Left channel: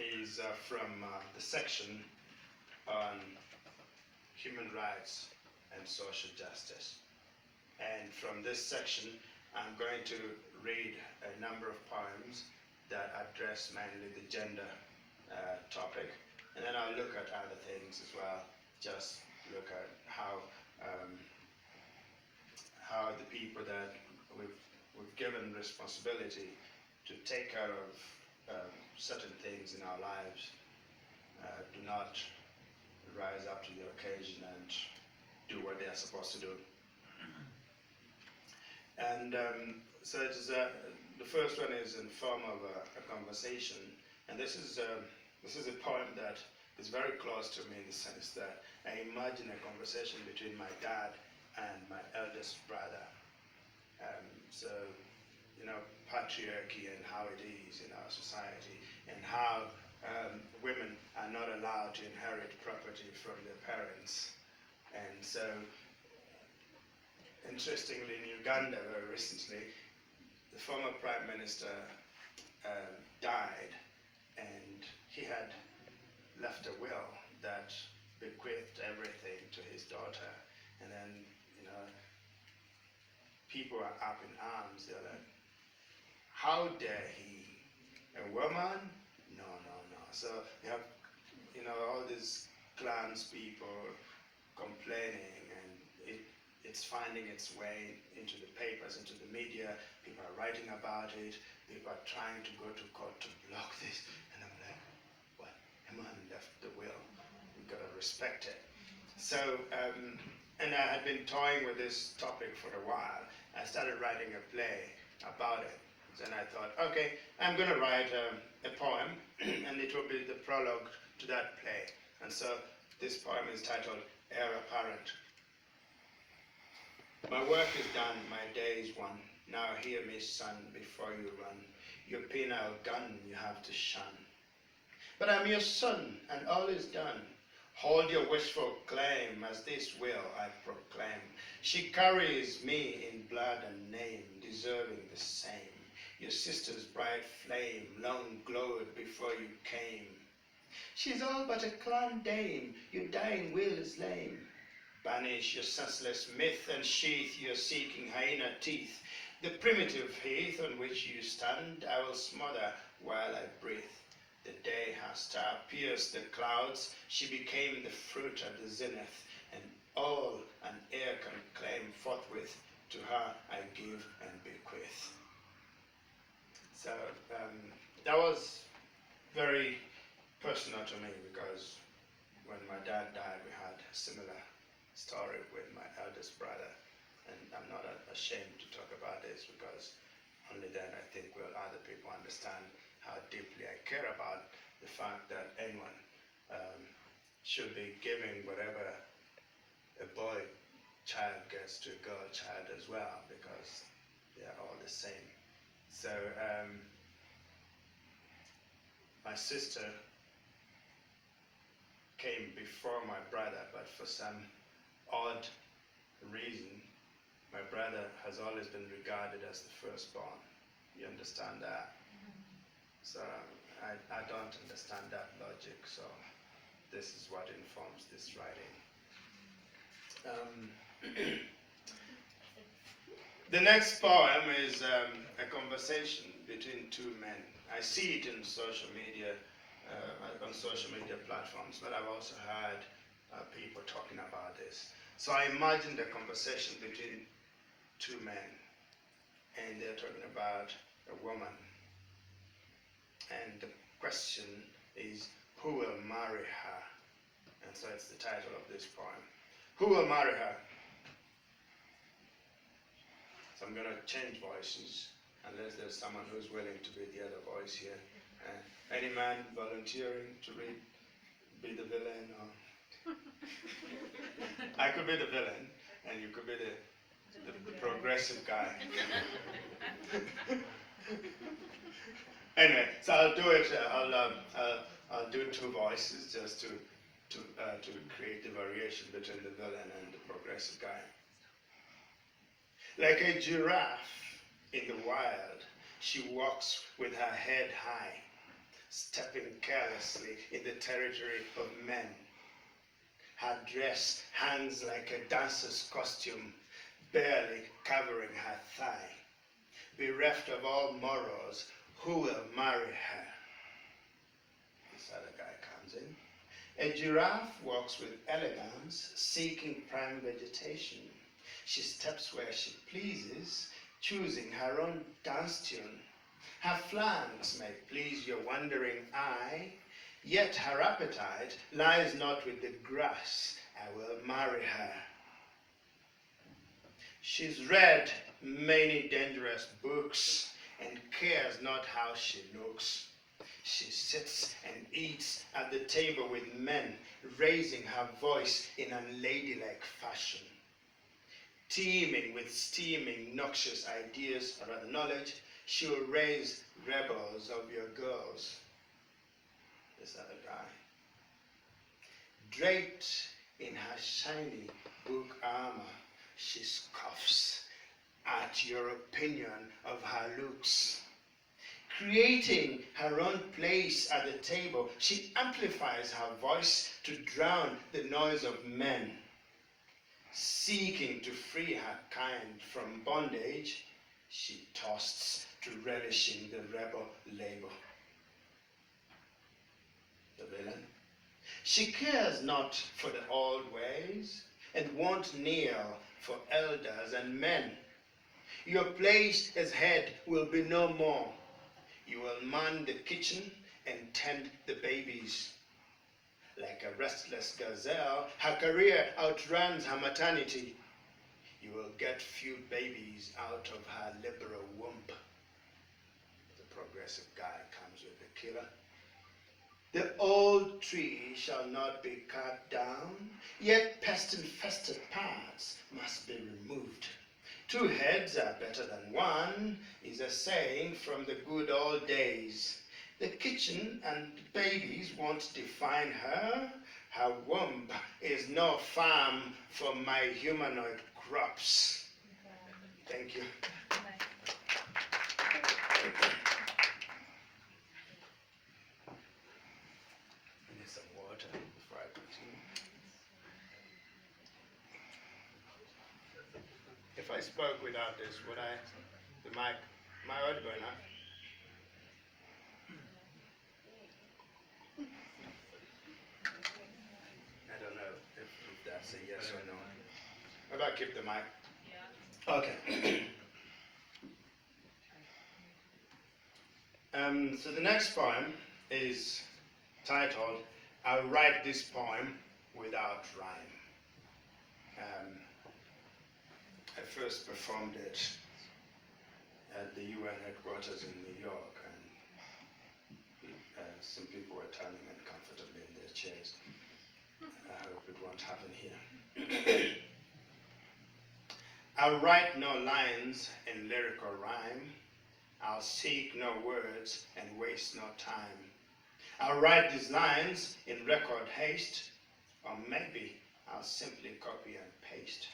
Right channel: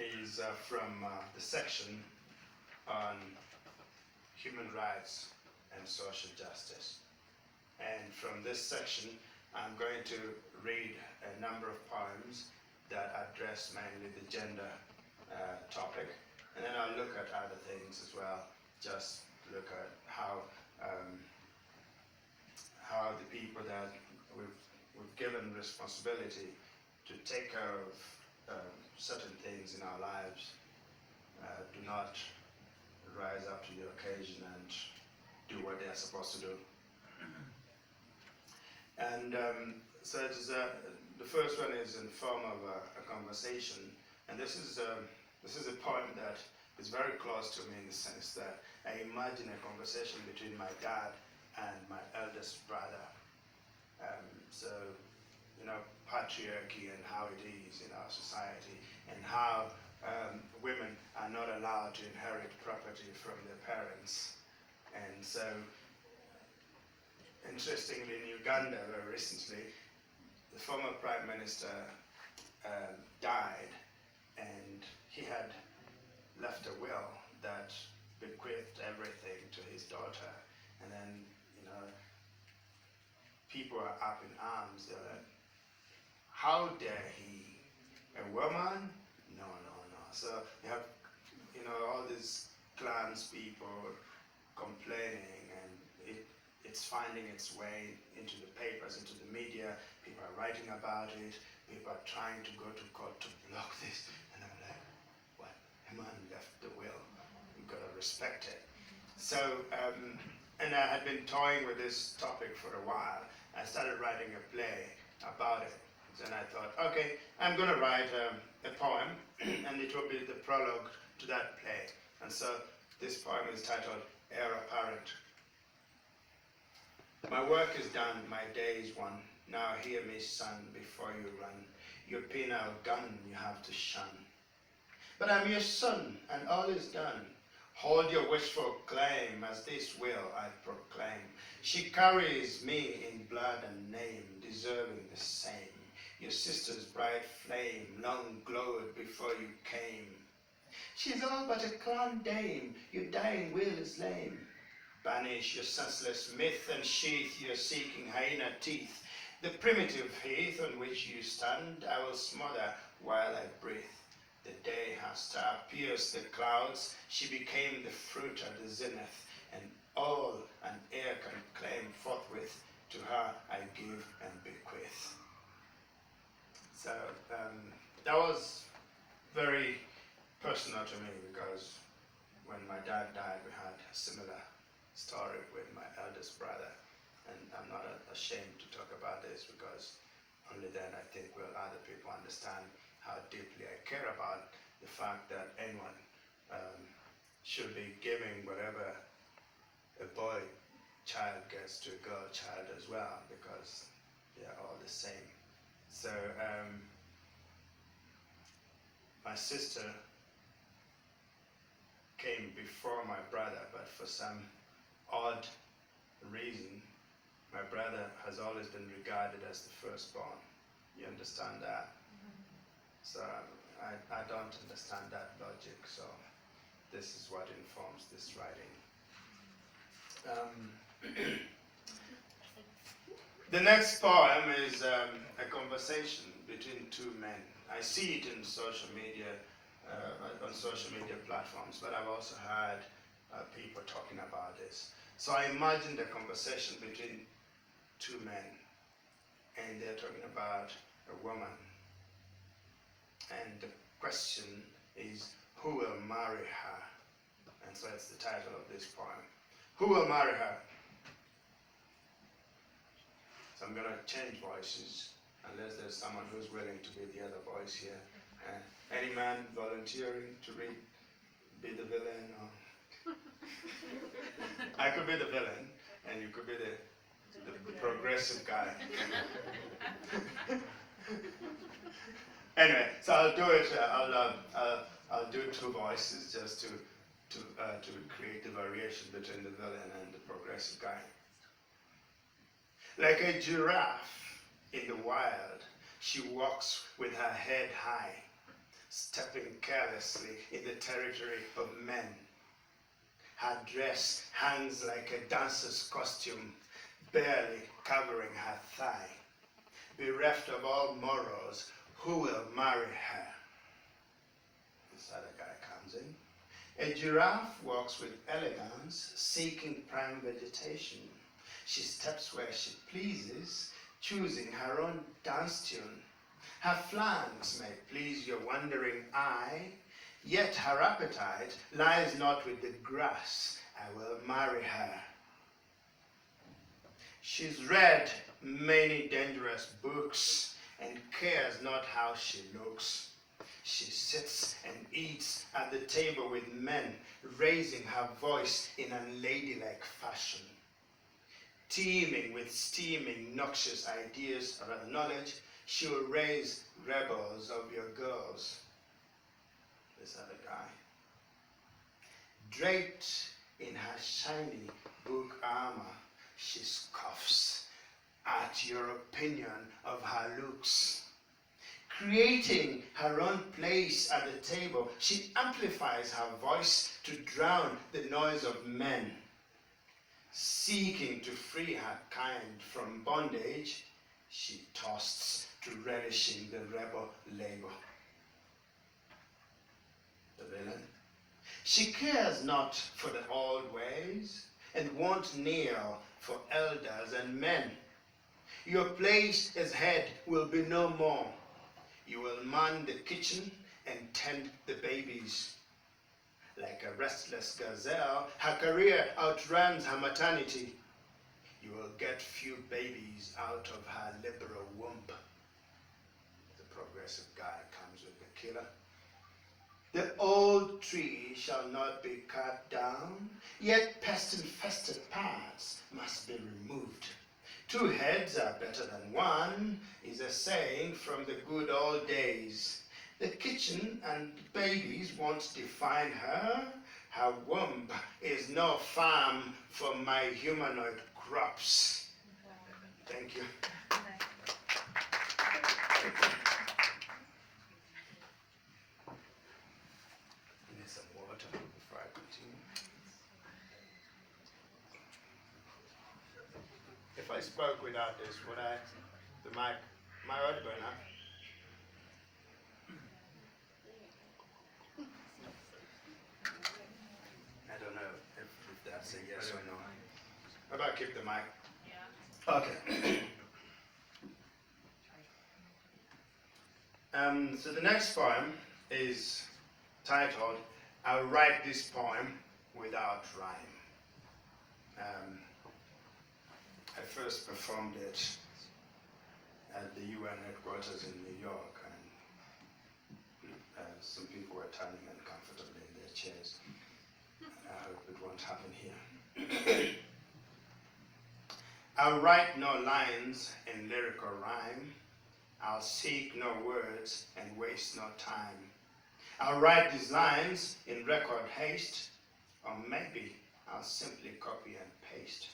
is from the section on human rights and social justice. And from this section, I'm going to read a number of poems that address mainly the gender topic, and then I'll look at other things as well. Just look at how the people that we've given responsibility to take care of certain things in our lives do not rise up to the occasion and do what they are supposed to do. And so it is, the first one is in the form of a conversation, and this is a poem that is very close to me in the sense that I imagine a conversation between my dad and my eldest brother. So, you know, patriarchy and how it is in our society, and how women are not allowed to inherit property from their parents. And so, interestingly, in Uganda recently, the former prime minister died, and he had left a will that bequeathed everything to his daughter. And then, you know, people are up in arms. They're like, how dare he? A woman? No, no, no. So you have, you know, all these clans people complaining, and it's finding its way into the papers, into the media. People are writing about it. People are trying to go to court to block this. And I'm like, what? A man left the will. You've got to respect it. So, and I had been toying with this topic for a while. I started writing a play about it. And I thought, okay, I'm going to write a poem, and it will be the prologue to that play. And so this poem is titled Heir Apparent. My work is done, my day is won. Now hear me, son, before you run. Your penile gun you have to shun. But I'm your son, and all is done. Hold your wishful claim, as this will I proclaim. She carries me in blood and name, deserving the same. Your sister's bright flame long glowed before you came. She's all but a clan dame, your dying will is lame. Banish your senseless myth and sheath your seeking hyena teeth. The primitive heath on which you stand I will smother while I breathe. The day her star pierced the clouds, she became the fruit at the zenith, and all an heir can claim forthwith, to her I give and bequeath. So that was very personal to me, because when my dad died, we had a similar story with my eldest brother, and I'm not ashamed to talk about this, because only then I think will other people understand how deeply I care about the fact that anyone should be giving whatever a boy child gets to a girl child as well, because they are all the same. So my sister came before my brother, but for some odd reason, my brother has always been regarded as the firstborn. You understand that? So I don't understand that logic, so this is what informs this writing. The next poem is a conversation between two men. I see it in social media, on social media platforms, but I've also heard people talking about this. So I imagined a conversation between two men, and they're talking about a woman. And the question is, who will marry her? And so it's the title of this poem. Who will marry her? So I'm going to change voices, unless there's someone who's willing to be the other voice here. Any man volunteering to be the villain? Or I could be the villain, and you could be the progressive guy. Anyway, so I'll do it. I'll do two voices just to create the variation between the villain and the progressive guy. Like a giraffe in the wild, she walks with her head high. stepping carelessly in the territory of men. Her dress hangs like a dancer's costume, barely covering her thigh. Bereft of all morals, who will marry her? This other guy comes in. A giraffe walks with elegance, seeking prime vegetation. She steps where she pleases, choosing her own dance tune. Her flanks may please your wandering eye, yet her appetite lies not with the grass. I will marry her. She's read many dangerous books and cares not how she looks. She sits and eats at the table with men, raising her voice in unladylike fashion. Teeming with steaming, noxious ideas, or rather knowledge, she will raise rebels of your girls. This other guy. Draped in her shiny book armor, she scoffs at your opinion of her looks. Creating her own place at the table, she amplifies her voice to drown the noise of men. Seeking to free her kind from bondage, she toasts to relishing the rebel labor. The villain. She cares not for the old ways and won't kneel for elders and men. Your place as head will be no more. You will man the kitchen and tend the babies. Like a restless gazelle, her career outruns her maternity. You will get few babies out of her liberal womb. The progressive guy comes with the killer. The old tree shall not be cut down, yet pest-infested parts must be removed. 2 heads are better than 1 is a saying from the good old days. The kitchen and babies won't define her. Her womb is no farm for my humanoid crops. Thank you. I need some water before I continue. If I spoke without this, would the mic, am I audible enough? I don't know if that's a yes or no. How about keep the mic? Yeah. Okay. So the next poem is titled, I'll Write This Poem Without Rhyme. I first performed it at the UN headquarters in New York, and some people were turning uncomfortably in their chairs. I hope it won't happen here. I'll write no lines in lyrical rhyme. I'll seek no words and waste no time. I'll write these lines in record haste, or maybe I'll simply copy and paste.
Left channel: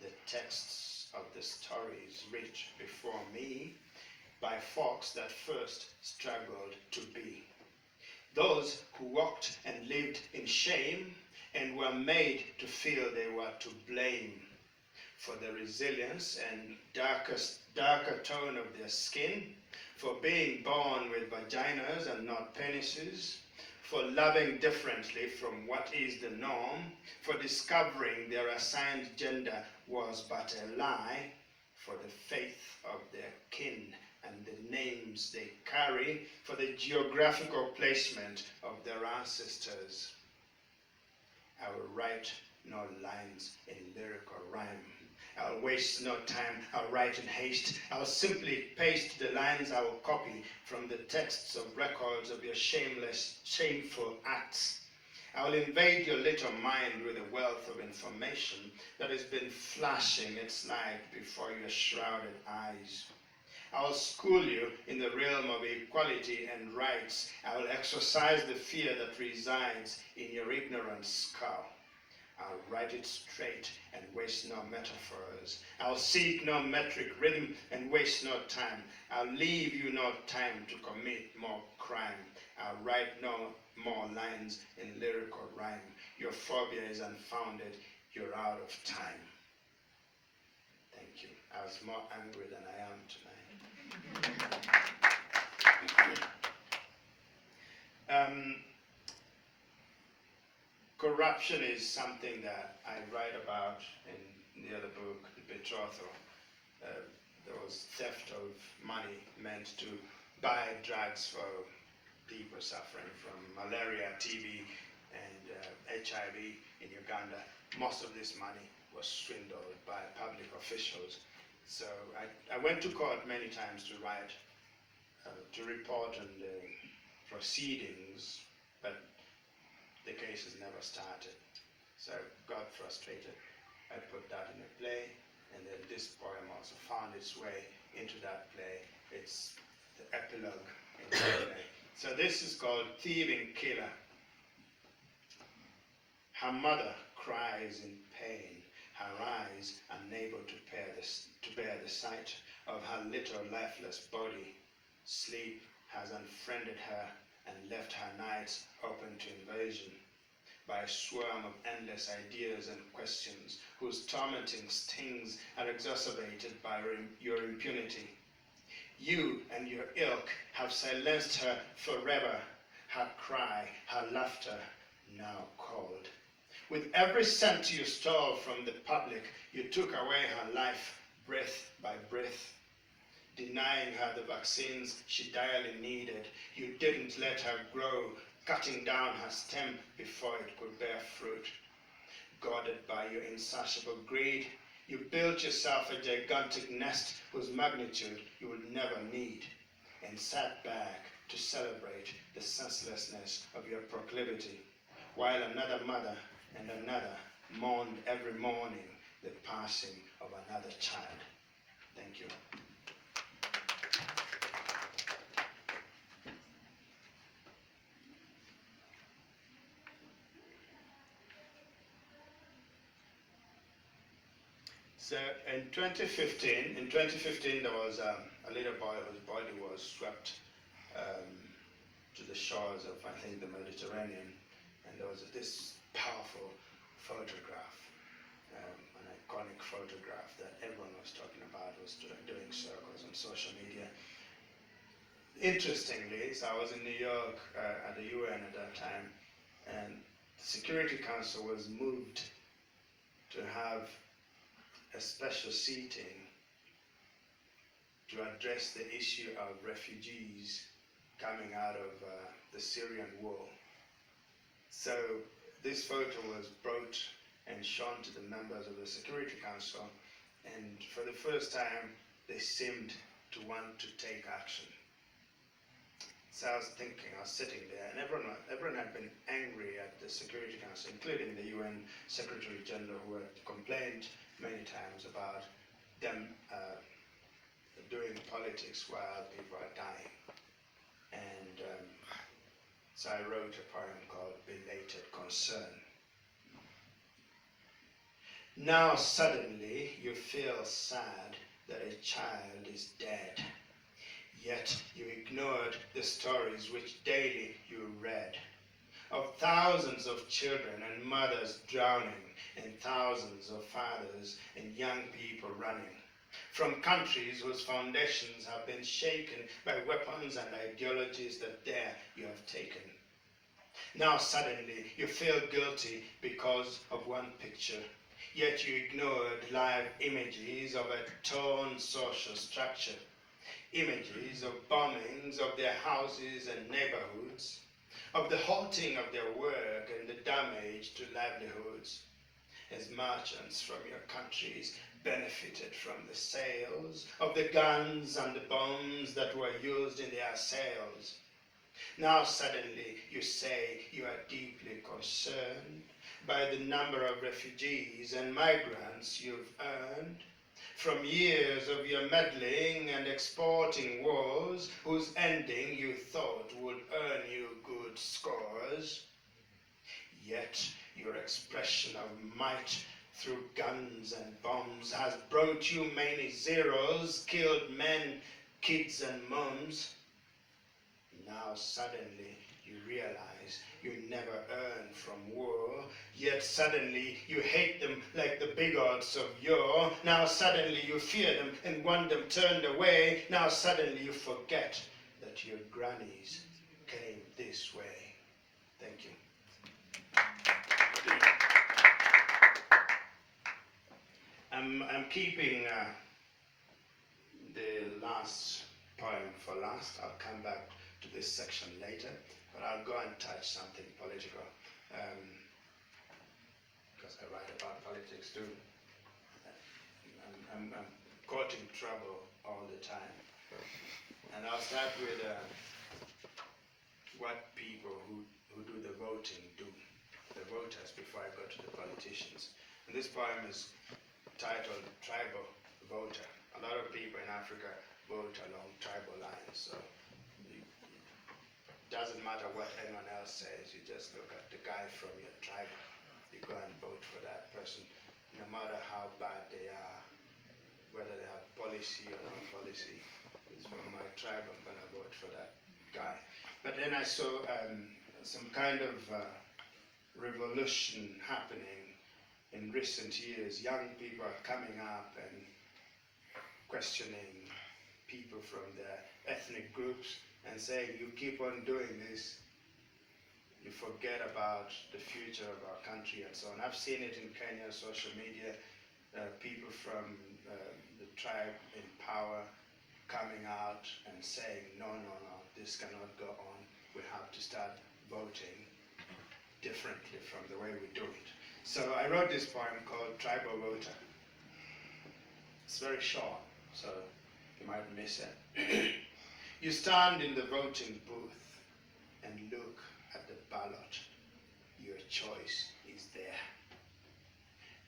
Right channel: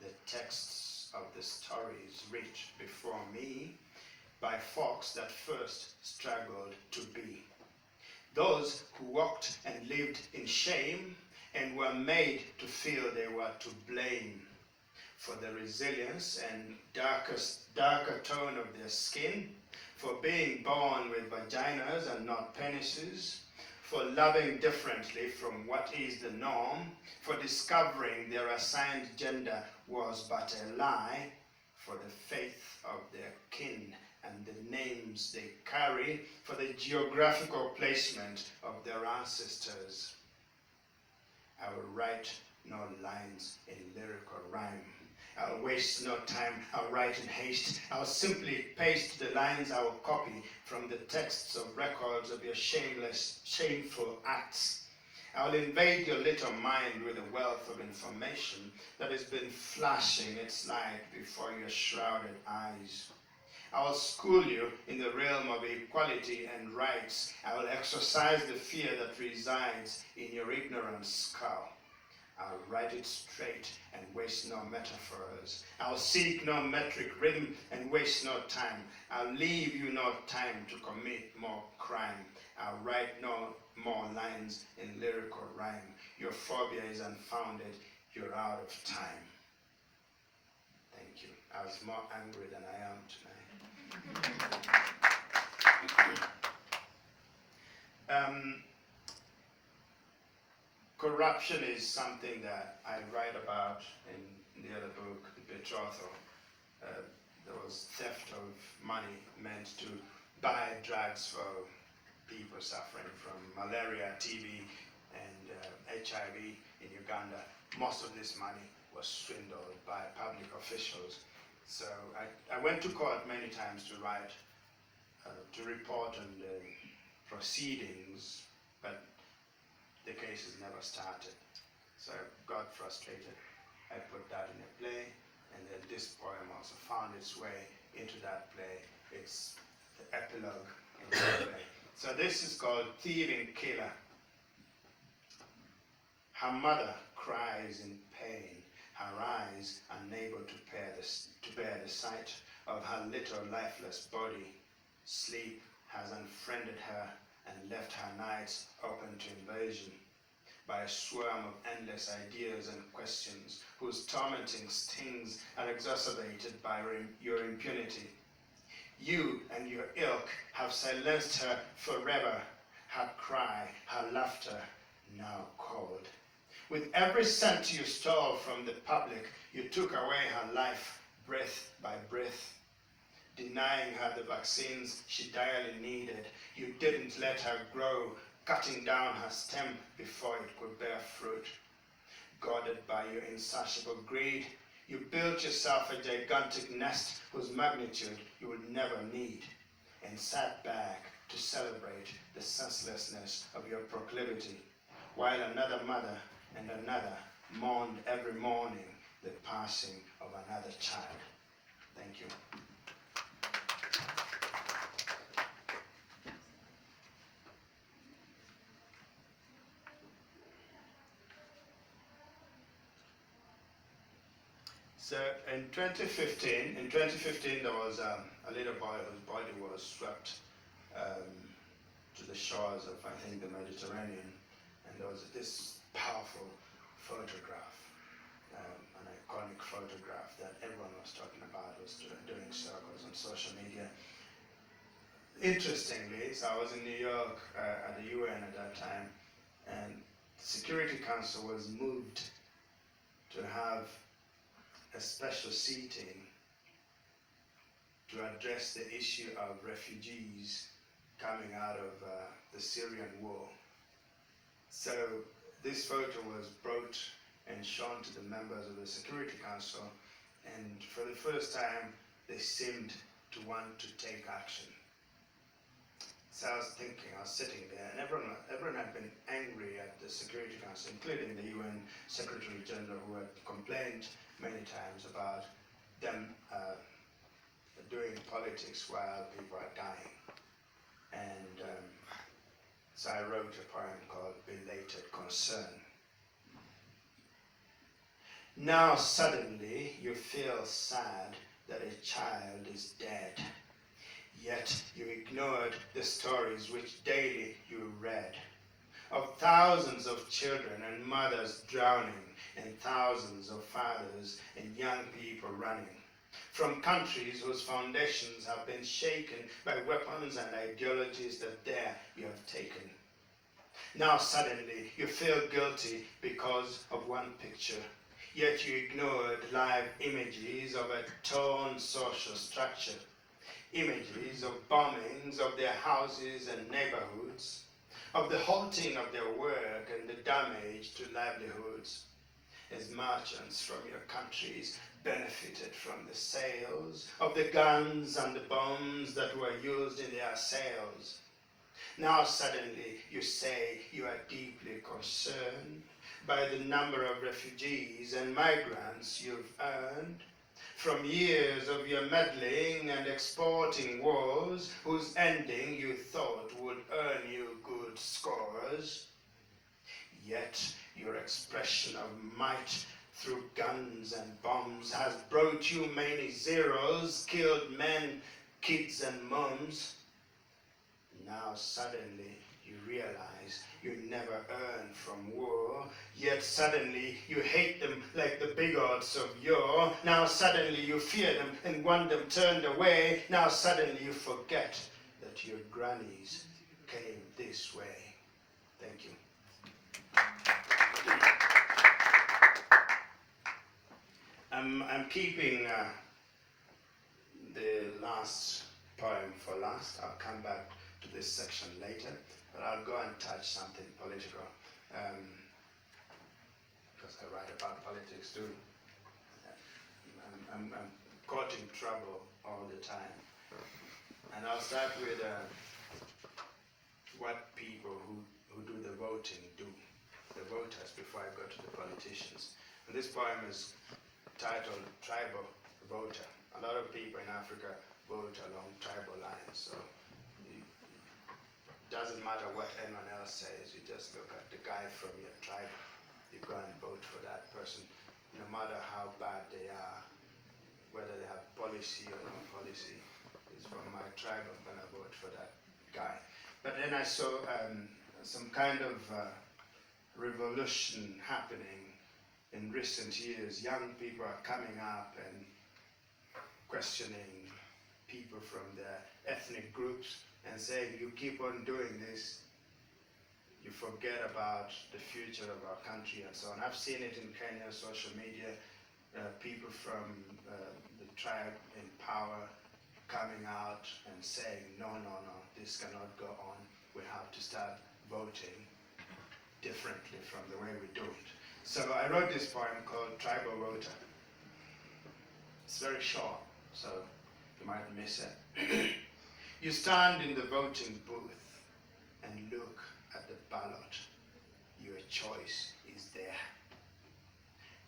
The texts of the stories writ before me by folks that first struggled to be. Those who walked and lived in shame and were made to feel they were to blame for the resilience and darker tone of their skin, for being born with vaginas and not penises, for loving differently from what is the norm, for discovering their assigned gender was but a lie, for the faith of their kin and the names they carry, for the geographical placement of their ancestors. I will write no lines in lyrical rhyme. I'll waste no time, I'll write in haste. I'll simply paste the lines I will copy from the texts of records of your shameless, shameful acts. I'll invade your little mind with a wealth of information that has been flashing its light before your shrouded eyes. I'll school you in the realm of equality and rights. I will exorcise the fear that resides in your ignorant skull. I'll write it straight and waste no metaphors. I'll seek no metric rhythm and waste no time. I'll leave you no time to commit more crime. lines in lyrical rhyme. Your phobia is unfounded. You're out of time. Thank you. I was more angry than I am tonight. Corruption is something that I write about in the other book, The Betrothal. There was theft of money meant to buy drugs for people suffering from malaria, TB, and HIV in Uganda. Most of this money was swindled by public officials. So I went to court many times to write, to report on the proceedings, but the cases never started. So I got frustrated. I put that in a play, and then this poem also found its way into that play. It's the epilogue in the play. So this is called Thieving Killer. Her mother cries in pain, her eyes unable to bear the sight of her little lifeless body. Sleep has unfriended her and left her nights open to invasion by a swarm of endless ideas and questions whose tormenting stings are exacerbated by your impunity. You and your ilk have silenced her forever, her cry, her laughter, now cold. With every cent you stole from the public, you took away her life, breath by breath. Denying her the vaccines she direly needed, you didn't let her grow, cutting down her stem before it could bear fruit. Guarded by your insatiable greed, you built yourself a gigantic nest whose magnitude you would never need, and sat back to celebrate the senselessness of your proclivity, while another mother and another mourned every morning the passing of another child. Thank you. So in 2015 there was a little boy whose body was swept to the shores of, I think, the Mediterranean, and there was this powerful photograph, an iconic photograph that everyone was talking about, was doing circles on social media. Interestingly, so I was in New York at the UN at that time, and the Security Council was moved to have a special seating to address the issue of refugees coming out of the Syrian war. So this photo was brought and shown to the members of the Security Council, and for the first time they seemed to want to take action. So I was sitting there, and everyone had been angry at the Security Council, including the UN Secretary General, who had complained many times about them doing politics while people are dying. And so I wrote a poem called Belated Concern. Now suddenly you feel sad that a child is dead, yet you ignored the stories which daily you read, of thousands of children and mothers drowning, and thousands of fathers and young people running, from countries whose foundations have been shaken by weapons and ideologies that there you have taken. Now suddenly you feel guilty because of one picture, yet you ignored live images of a torn social structure, images of bombings of their houses and neighborhoods, of the halting of their work and the damage to livelihoods, as merchants from your countries benefited from the sales of the guns and the bombs that were used in their sales. Now suddenly you say you are deeply concerned by the number of refugees and migrants you've earned from years of your meddling and exporting wars whose ending you thought would earn you good scores. Yet your expression of might through guns and bombs has brought you many zeros, killed men, kids and moms. Now suddenly you realize you never earned from war, yet suddenly you hate them like the bigots of yore. Now suddenly you fear them and want them turned away. Now suddenly you forget that your grannies came this way. Thank you. I'm keeping the last poem for last. I'll come back to this section later, but I'll go and touch something political, because I write about politics too. I'm caught in trouble all the time. And I'll start with what people who do the voting do, the voters, before I go to the politicians. And this poem is titled Tribal Voter. A lot of people in Africa vote along tribal lines, so it doesn't matter what anyone else says, you just look at the guy from your tribe, you go and vote for that person, no matter how bad they are, whether they have policy or no policy. It's from my tribe, I'm going to vote for that guy. But then I saw some kind of revolution happening in recent years. Young people are coming up and questioning people from their ethnic groups and saying, you keep on doing this, you forget about the future of our country and so on. I've seen it in Kenya, social media, people from the tribe in power coming out and saying, no, this cannot go on. We have to start voting differently from the way we do it. So I wrote this poem called Tribal Voter. It's very short, so you might miss it. You stand in the voting booth and look at the ballot. Your choice is there.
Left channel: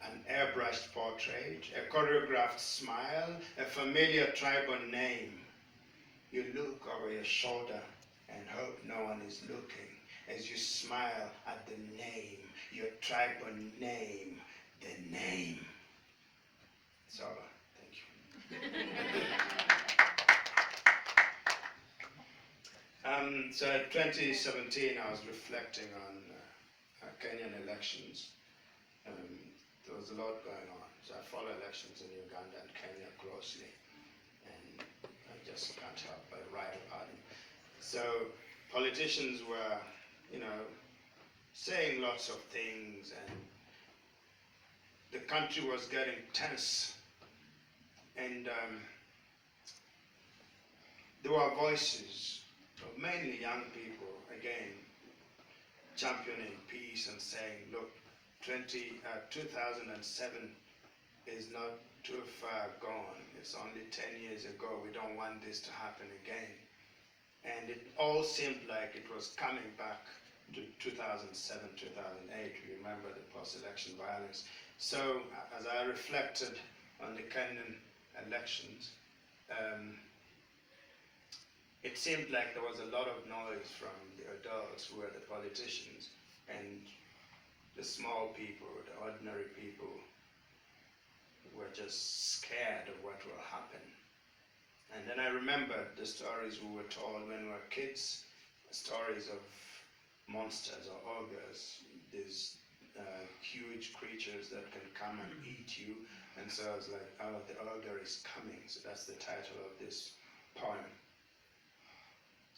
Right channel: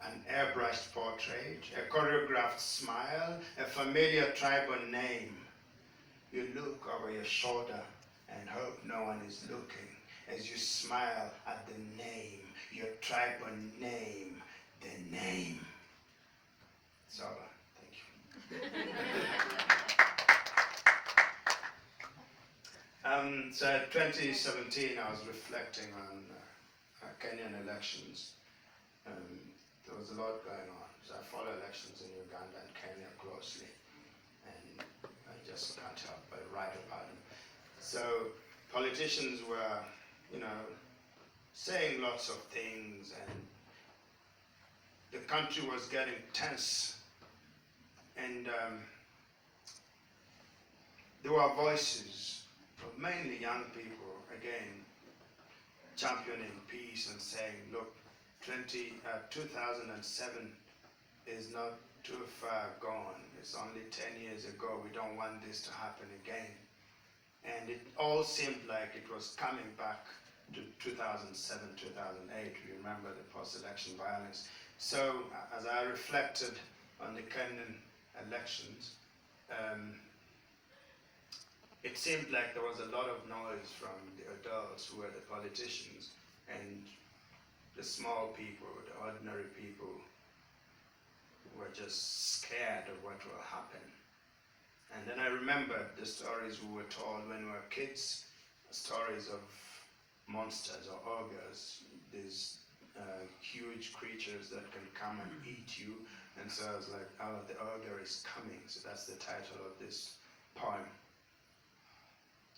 An airbrushed portrait, a choreographed smile, a familiar tribal name. You look over your shoulder and hope no one is looking as you smile at the name, your tribal name, the name. It's over. Thank you. So in 2017, I was reflecting on Kenyan elections. There was a lot going on. So I follow elections in Uganda and Kenya closely, and I just can't help but write about them. So politicians were, saying lots of things, and the country was getting tense, and there were voices of mainly young people, again, championing peace and saying, look, 2007 is not too far gone. It's only 10 years ago. We don't want this to happen again. And it all seemed like it was coming back to 2007, 2008. We remember the post-election violence. So as I reflected on the Kenyan elections, it seemed like there was a lot of noise from the adults who were the politicians, and the small people, the ordinary people, were just scared of what will happen. And then I remembered the stories we were told when we were kids, stories of monsters or ogres, these huge creatures that can come and eat you. And so I was like, oh, the ogre is coming. So that's the title of this poem.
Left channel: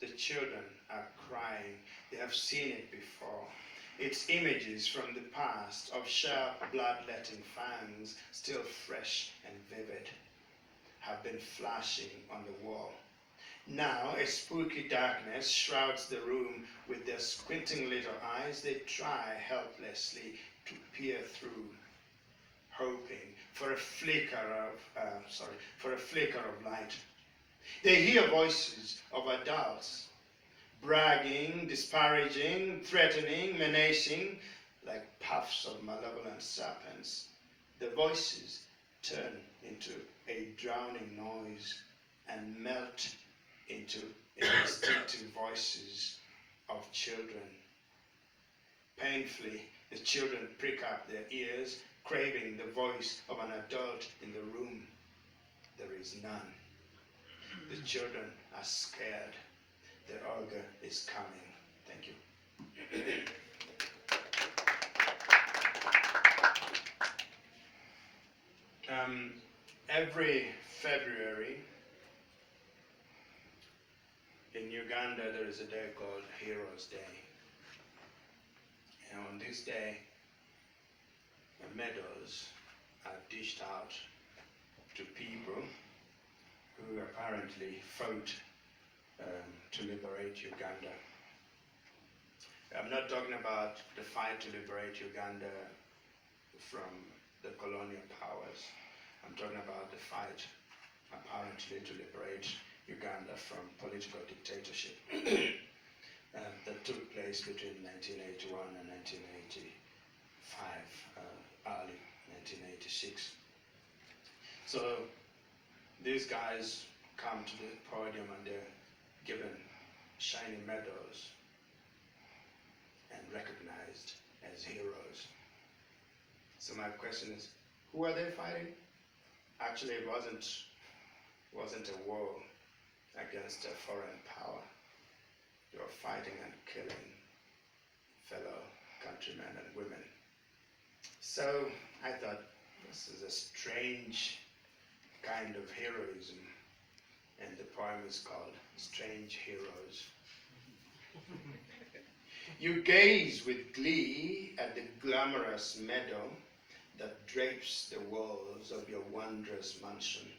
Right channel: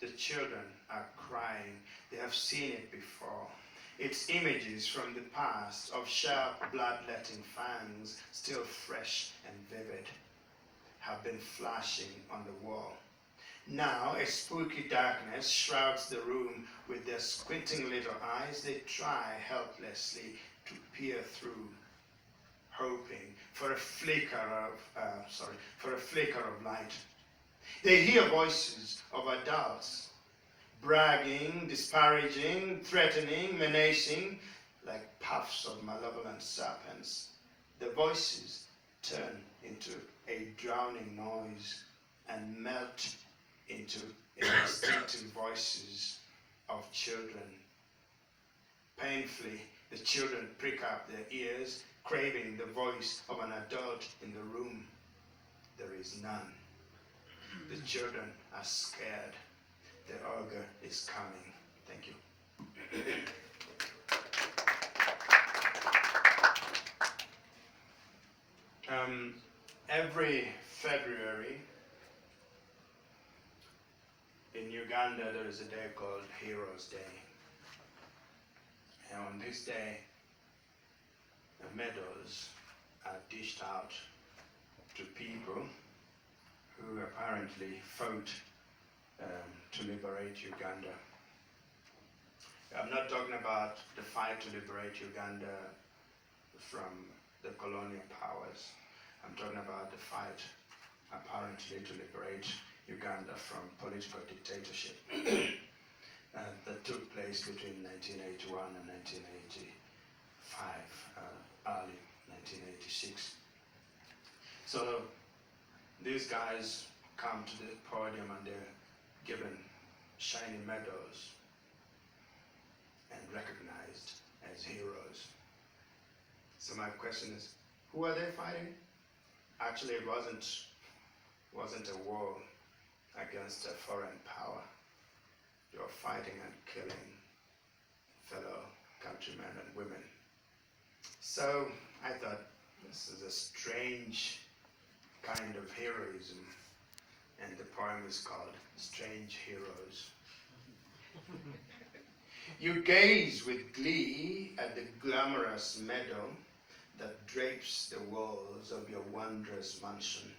The children are crying. They have seen it before. It's images from the past of sharp bloodletting fangs, still fresh and vivid, have been flashing on the wall. Now a spooky darkness shrouds the room. With their squinting little eyes, they try helplessly to peer through, hoping for a flicker of light. They hear voices of adults, bragging, disparaging, threatening, menacing, like puffs of malevolent serpents. The voices turn into a drowning noise and melt into instinctive voices of children. Painfully, the children prick up their ears, craving the voice of an adult in the room. There is none. The children are scared. The ogre is coming. Thank you. Every February in Uganda there is a day called Heroes Day. And on this day, medals are dished out to people who apparently fought to liberate Uganda. I'm not talking about the fight to liberate Uganda from the colonial powers. I'm talking about the fight apparently to liberate Uganda from political dictatorship that took place between 1981 and 1985, early 1986. So these guys come to the podium and they're given shiny medals and recognized as heroes. So my question is, who are they fighting? Actually, it wasn't a war against a foreign power. They were fighting and killing fellow countrymen and women. So I thought, this is a strange kind of heroism, and the poem is called Strange Heroes. You gaze with glee at the glamorous meadow that drapes the walls of your wondrous mansion.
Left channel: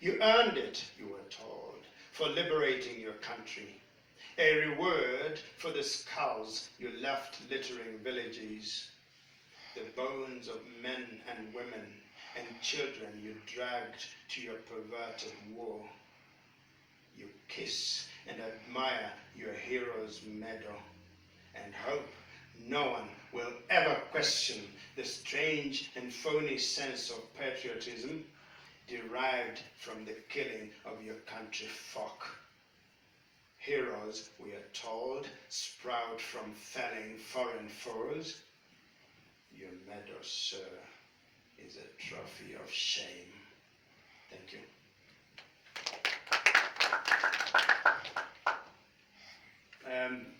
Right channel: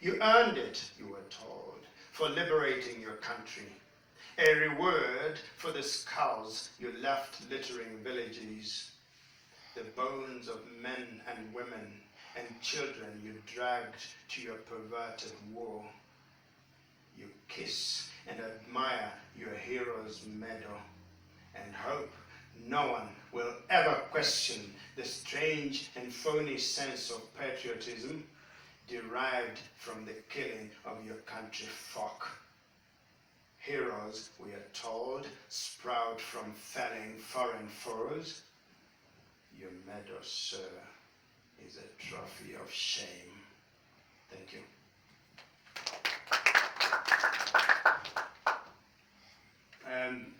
You earned it, you were told, for liberating your country, a reward for the skulls you left littering villages, the bones of men and women and children you dragged to your perverted war. You kiss and admire your hero's medal and hope no one will ever question the strange and phony sense of patriotism derived from the killing of your country folk. Heroes, we are told, sprout from felling foreign foes. Your medal, sir, is a trophy of shame. Thank you.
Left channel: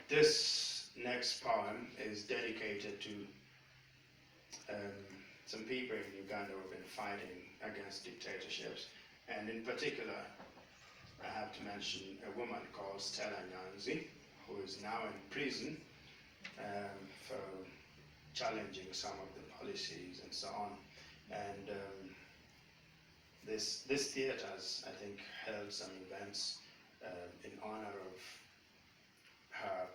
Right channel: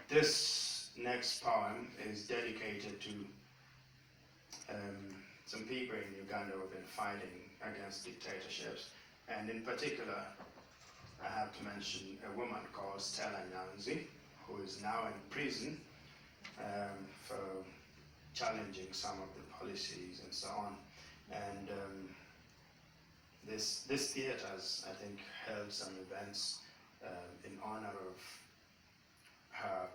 This next poem is dedicated to some people in Uganda who have been fighting against dictatorships, and in particular, I have to mention a woman called Stella Nyanzi, who is now in prison for challenging some of the policies and so on. And this theatre has, I think, held some events in honor of her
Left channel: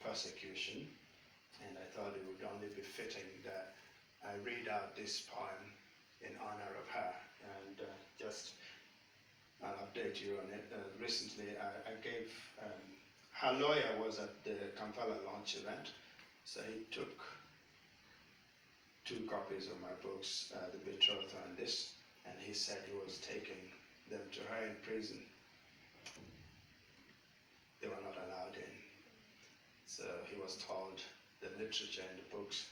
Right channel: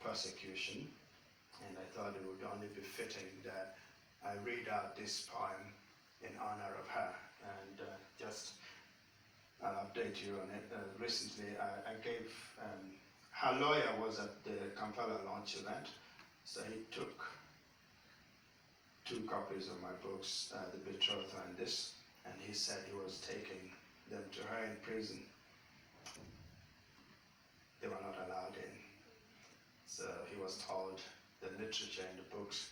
persecution, and I thought it would only be fitting that I read out this poem in honor of her. And just I'll update you on it. Recently, I gave, her lawyer was at the Kampala launch event, so he took 2 copies of my books, The Betrothal and this, and he said he was taking them to her in prison. They were not allowed in. So he was told the literature in the books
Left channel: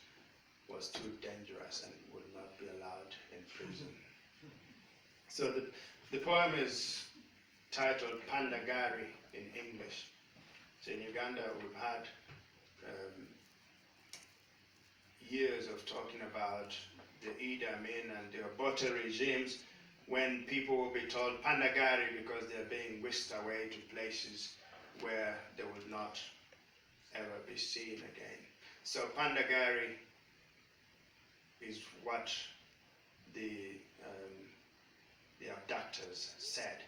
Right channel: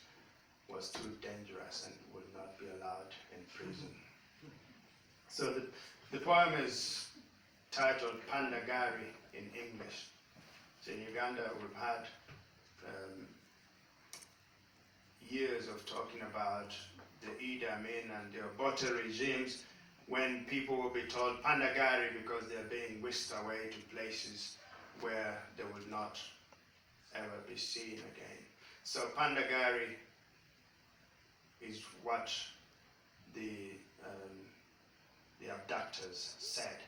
was too dangerous and would not be allowed in prison. So the poem is titled Pandagari in English. So in Uganda we've had years of talking about the Idi Amin and the Obote regimes, when people will be told Pandagari because they're being whisked away to places where they would not ever be seen again. So Pandagari is what the abductors said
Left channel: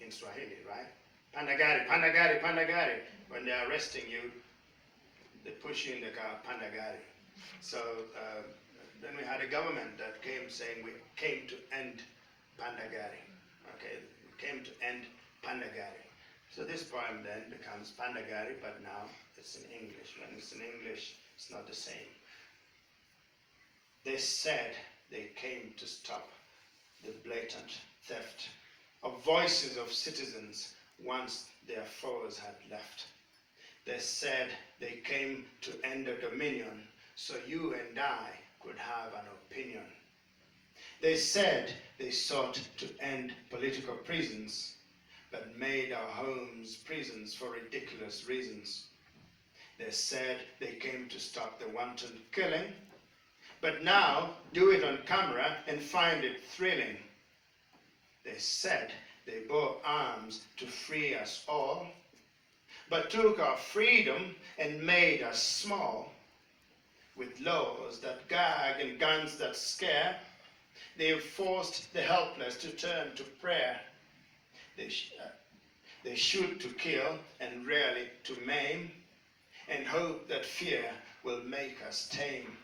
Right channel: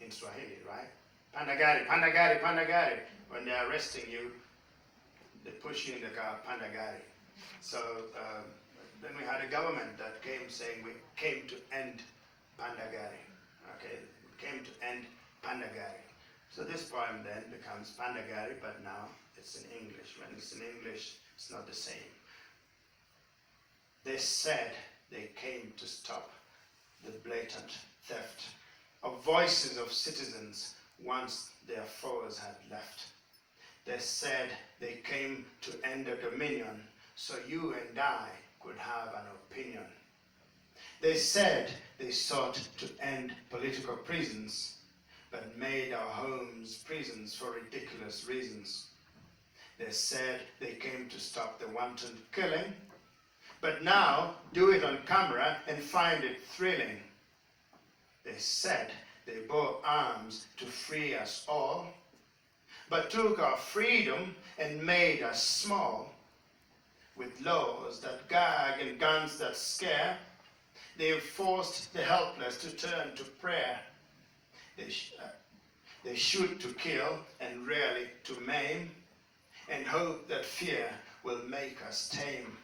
in Swahili, right? Pandagari, Pandagari, Pandagari. When they're arresting you, they push you in the car, Pandagari. So then we had a government that came saying we came to end Pandagari. Okay, we came to end Pandagari. So this poem then becomes Pandagari, but now it's in English. When it's in English, it's not the same. They said they came to stop the blatant theft of voices of citizens once their foes had left. They said they came to end a dominion so you and I could have an opinion. They said they sought to end political prisons, but made our homes prisons for ridiculous reasons. They said they came to stop the wanton killing, but now do it on camera and find it thrilling. They said they bore arms to free us all, but took our freedom and made us small. With laws that gag and guns that scare, they've forced the helpless to turn to prayer. They shoot to kill and rarely to maim, and hope that fear will make us tame.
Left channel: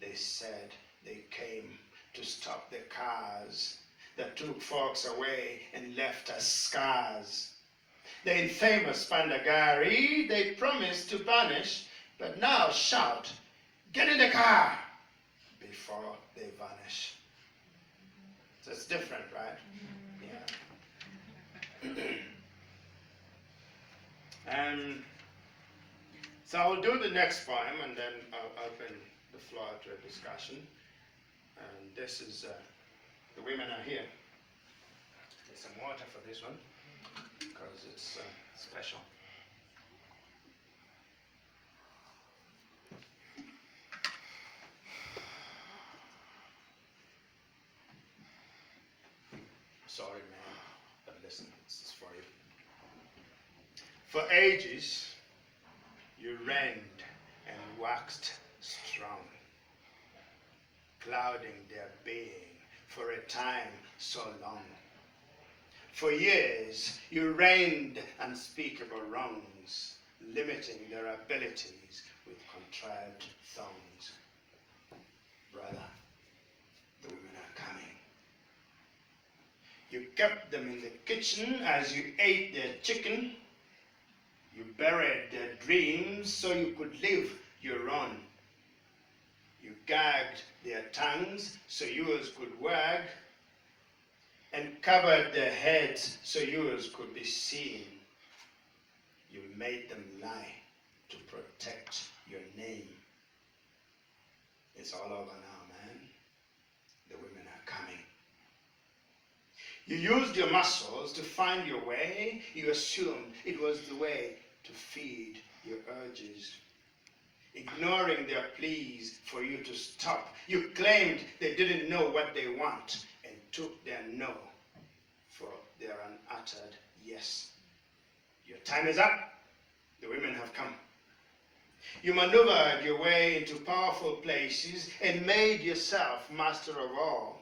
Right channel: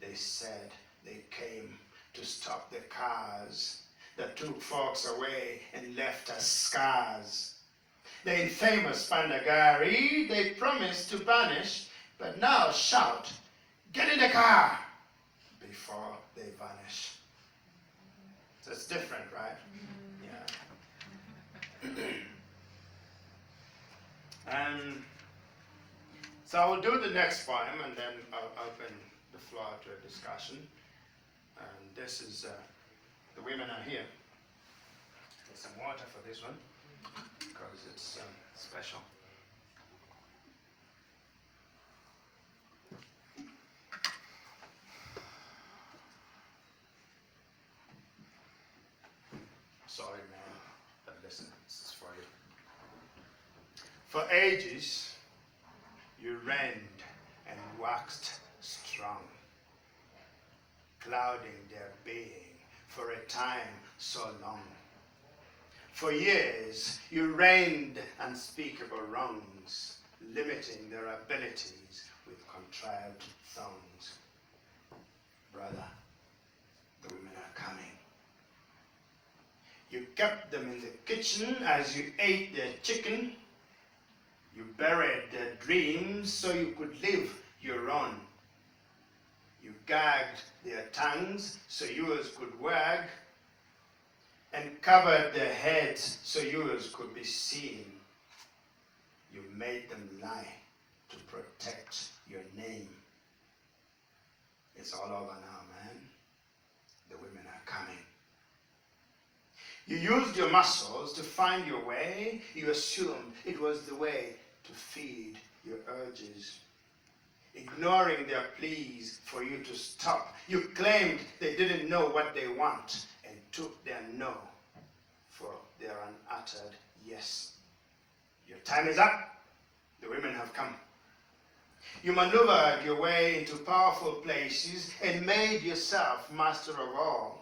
They said they came to stop the cars that took folks away and left us scars. The infamous Pandagari they promised to banish, but now shout, "Get in the car!" before they vanish. So it's different, right? Yeah. So I will do the next poem and then I'll open the floor to a discussion. And this is, the women are here. Get some water for this one because it's special. Sorry, man, but listen, this is for you. For ages, you reigned and waxed strong, clouding their being for a time so long. For years, you reigned unspeakable wrongs, limiting their abilities with contrived thongs. Brother, the women are coming. You kept them in the kitchen as you ate their chicken. You buried their dreams so you could live your own. You gagged their tongues so yours could wag, and covered their heads so yours could be seen. You made them lie to protect your name. It's all over now, man. The women are coming. You used your muscles to find your way. You assumed it was the way to feed your urges. Ignoring their pleas for you to stop, you claimed they didn't know what they want and took their no for their unuttered yes. Your time is up. The women have come. You maneuvered your way into powerful places and made yourself master of all.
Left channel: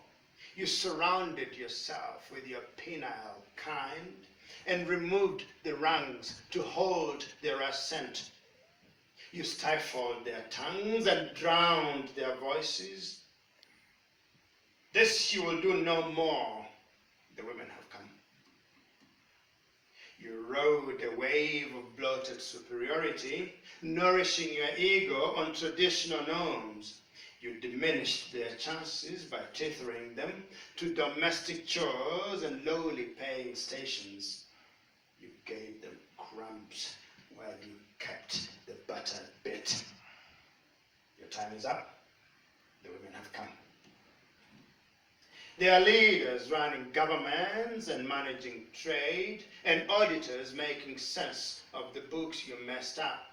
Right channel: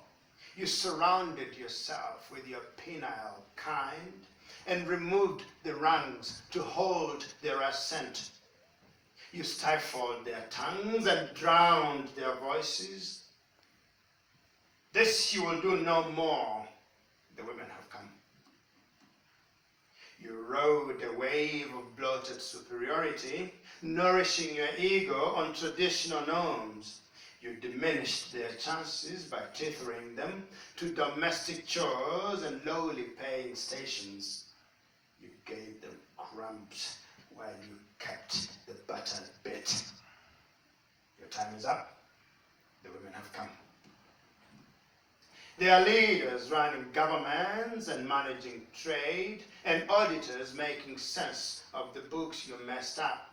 You surrounded yourself with your penile kind and removed the rungs to hold their ascent. You stifled their tongues and drowned their voices. This you will do no more. The women have come. You rode a wave of bloated superiority, nourishing your ego on traditional norms. You diminished their chances by tethering them to domestic chores and lowly paying stations. You gave them crumbs while you kept the buttered bit. Your time is up. The women have come. They are leaders running governments and managing trade, and auditors making sense of the books you messed up.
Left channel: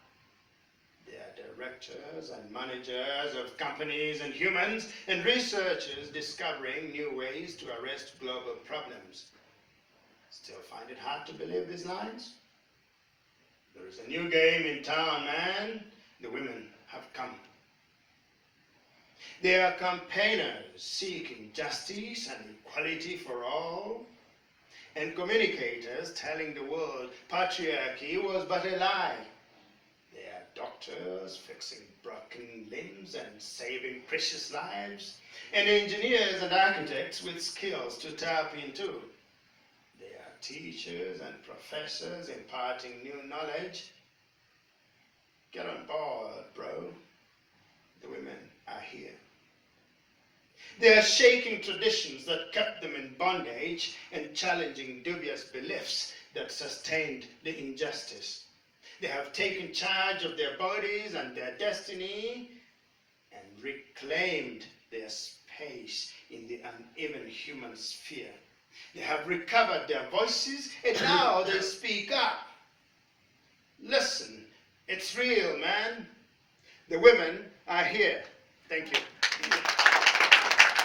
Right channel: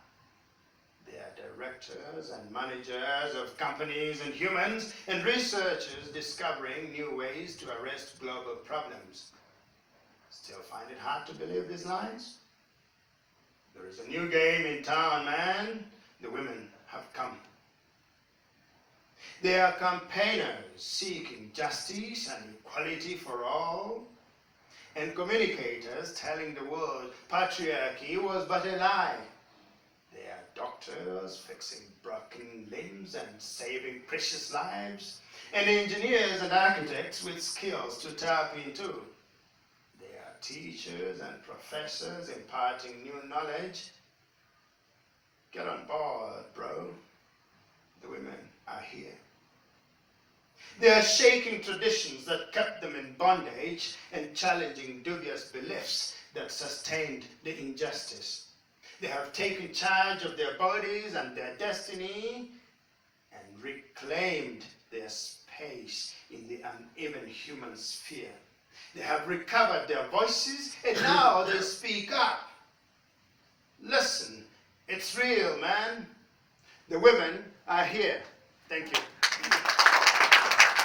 They are directors and managers of companies and humans, and researchers discovering new ways to arrest global problems. Still find it hard to believe these lines? There is a new game in town, man. The women have come. They are campaigners seeking justice and equality for all, and communicators telling the world patriarchy was but a lie. They are doctors fixing broken limbs and saving precious lives, and engineers and architects with skills to tap into. They are teachers and professors imparting new knowledge. Get on board, bro. The women are here. They are shaking traditions that kept them in bondage and challenging dubious beliefs that sustained the injustice. They have taken charge of their bodies and their destiny and reclaimed their space in the uneven human sphere. They have recovered their voices and now they speak up. Listen, It's real, man. The women are here. Thank you.